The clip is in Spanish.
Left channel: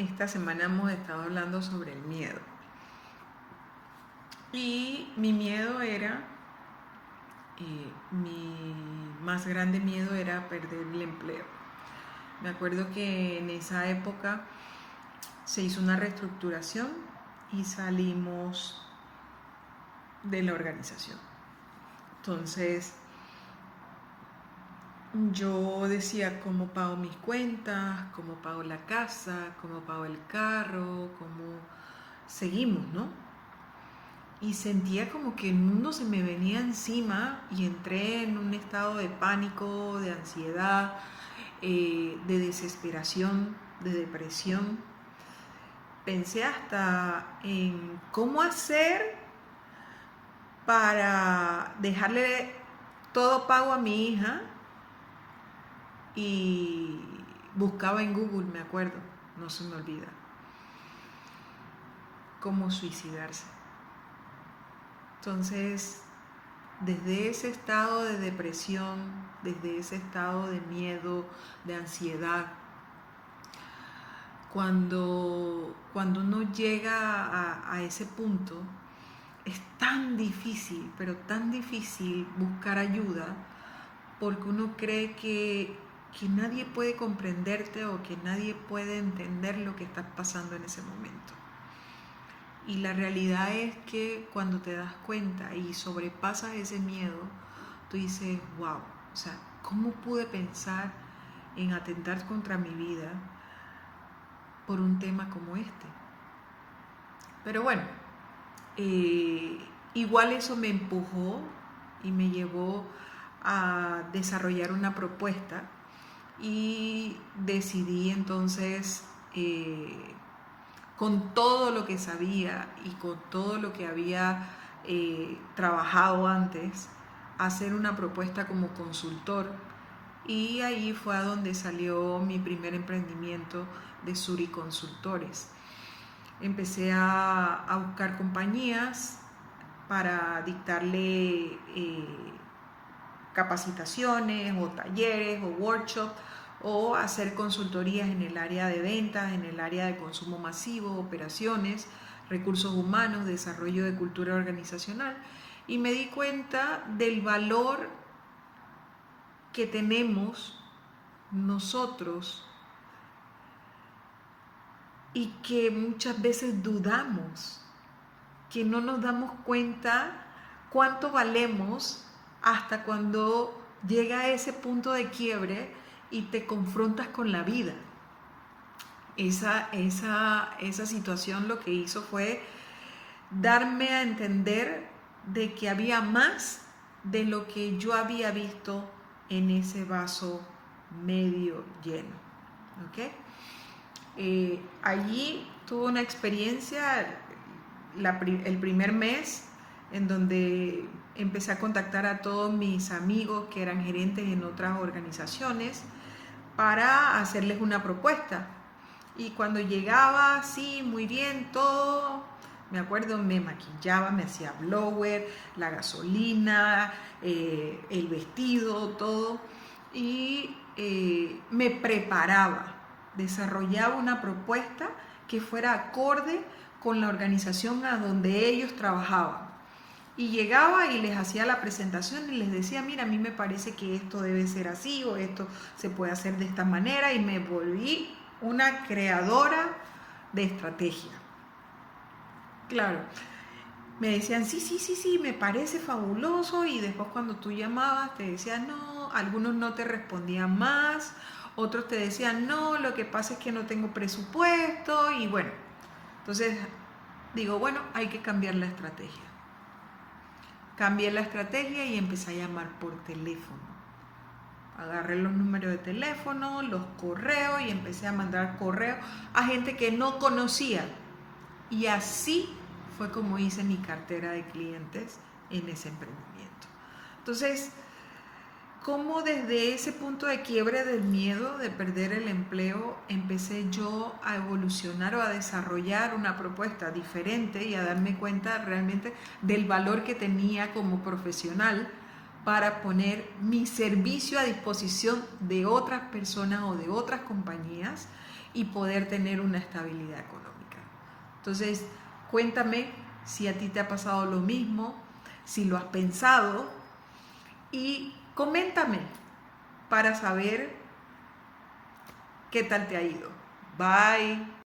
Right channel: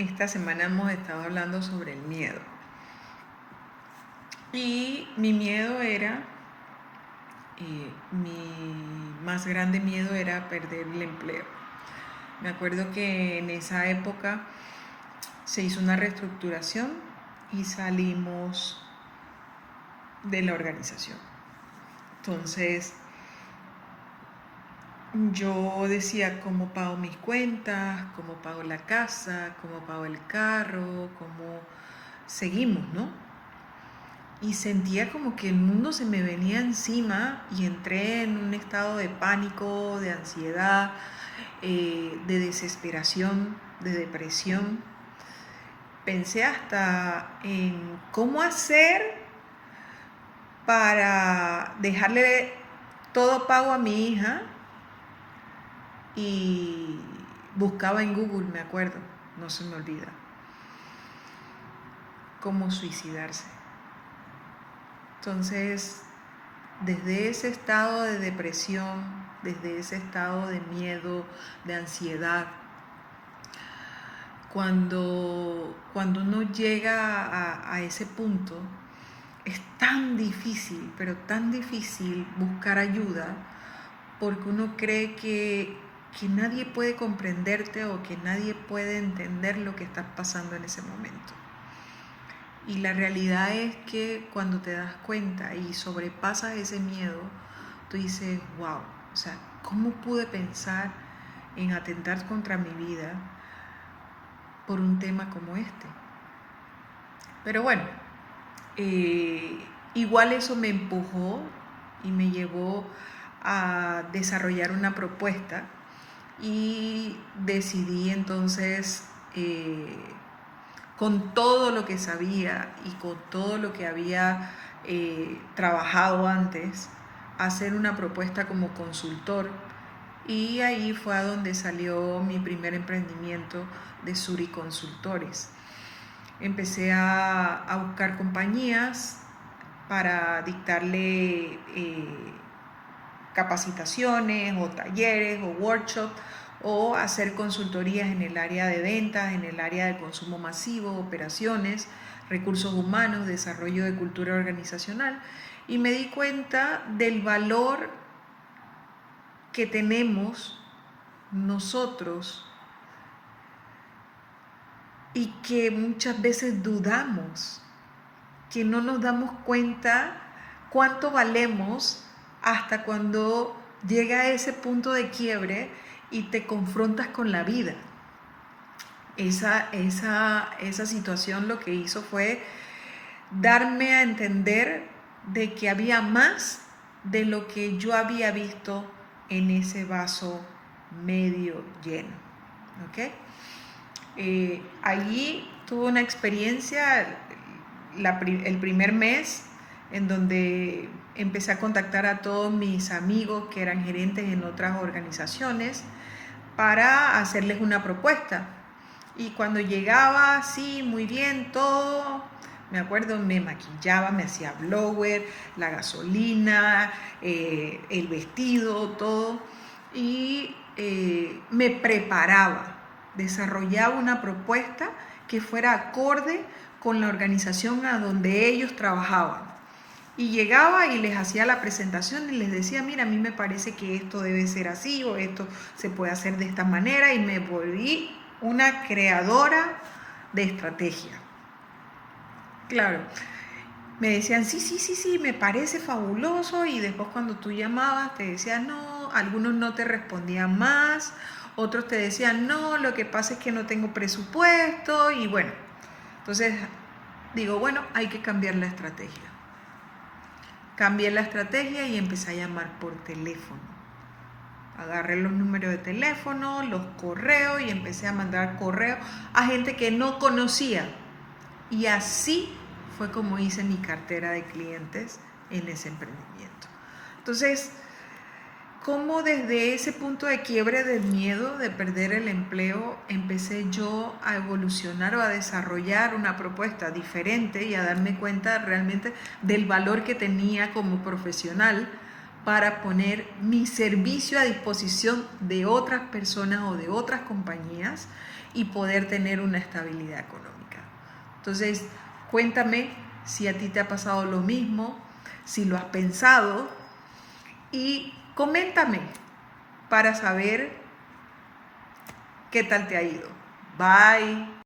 esta semana hemos estado hablando sobre el miedo. Y mi miedo era, mi más grande miedo era perder el empleo. Me acuerdo que en esa época se hizo una reestructuración y salimos de la organización. Entonces, yo decía cómo pago mis cuentas, cómo pago la casa, cómo pago el carro, cómo seguimos, ¿no? Y sentía como que el mundo se me venía encima y entré en un estado de pánico, de ansiedad, de desesperación, de depresión. Pensé hasta en cómo hacer para dejarle todo pago a mi hija y buscaba en Google, me acuerdo, no se me olvida, cómo suicidarse. Entonces, desde ese estado de depresión, desde ese estado de miedo, de ansiedad, cuando uno llega a ese punto, es tan difícil, pero tan difícil buscar ayuda, porque uno cree que nadie puede comprenderte o que nadie puede entender lo que estás pasando en ese momento. Y la realidad es que cuando te das cuenta y sobrepasas ese miedo, tú dices, wow, o sea, ¿cómo pude pensar en atentar contra mi vida por un tema como este? Pero bueno, igual eso me empujó y me llevó a desarrollar una propuesta y decidí entonces, con todo lo que sabía y con todo lo que había trabajado antes, hacer una propuesta como consultor, y ahí fue a donde salió mi primer emprendimiento de Suri Consultores. Empecé a buscar compañías para dictarle capacitaciones o talleres o workshops, o hacer consultorías en el área de ventas, en el área de consumo masivo, operaciones, recursos humanos, desarrollo de cultura organizacional, y me di cuenta del valor que tenemos nosotros y que muchas veces dudamos, que no nos damos cuenta cuánto valemos hasta cuando llega a ese punto de quiebre y te confrontas con la vida. Esa situación lo que hizo fue darme a entender de que había más de lo que yo había visto en ese vaso medio lleno. ¿Okay? Allí tuve una experiencia, el primer mes, en donde empecé a contactar a todos mis amigos que eran gerentes en otras organizaciones para hacerles una propuesta. Y cuando llegaba, sí, muy bien, todo, me acuerdo, me maquillaba, me hacía blower, la gasolina, el vestido, todo, y me preparaba, desarrollaba una propuesta que fuera acorde con la organización a donde ellos trabajaban. Y llegaba y les hacía la presentación y les decía, mira, a mí me parece que esto debe ser así o esto se puede hacer de esta manera, y me volví una creadora de estrategia. Claro, me decían, sí, me parece fabuloso, y después cuando tú llamabas te decían no, algunos no te respondían más, otros te decían no, lo que pasa es que no tengo presupuesto, y bueno, entonces digo, bueno, hay que cambiar la estrategia. Cambié la estrategia y empecé a llamar por teléfono. Agarré los números de teléfono, los correos, y empecé a mandar correos a gente que no conocía. Y así fue como hice mi cartera de clientes en ese emprendimiento. Entonces, cómo desde ese punto de quiebre del miedo de perder el empleo empecé yo a evolucionar o a desarrollar una propuesta diferente y a darme cuenta realmente del valor que tenía como profesional para poner mi servicio a disposición de otras personas o de otras compañías y poder tener una estabilidad económica. Entonces, cuéntame si a ti te ha pasado lo mismo, si lo has pensado y coméntame para saber qué tal te ha ido. Bye.